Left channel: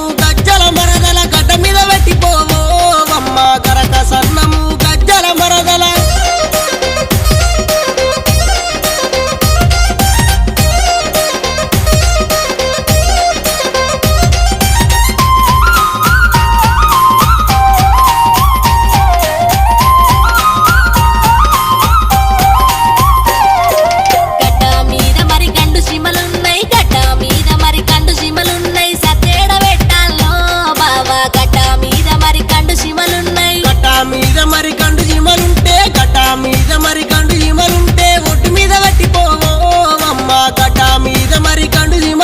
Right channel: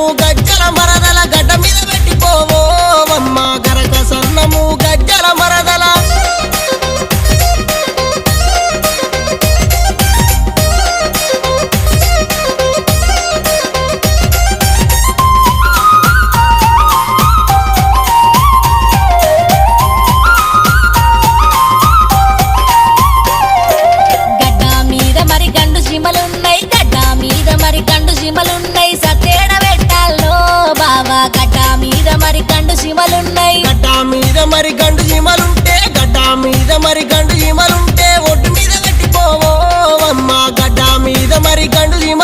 సన్నము గజ్జల మరదల గడ్డ మీద పెట్టిపోవో అమ్మ గరక సన్నము గజ్జల మరదల మరి గండు జీమలుంటే గడ్డ మీద మరి గండు జీమలుంటే ఒడ్డు మీద పెట్టిపోవో అమ్మ గడ్డ మీద మరి గండు జీమ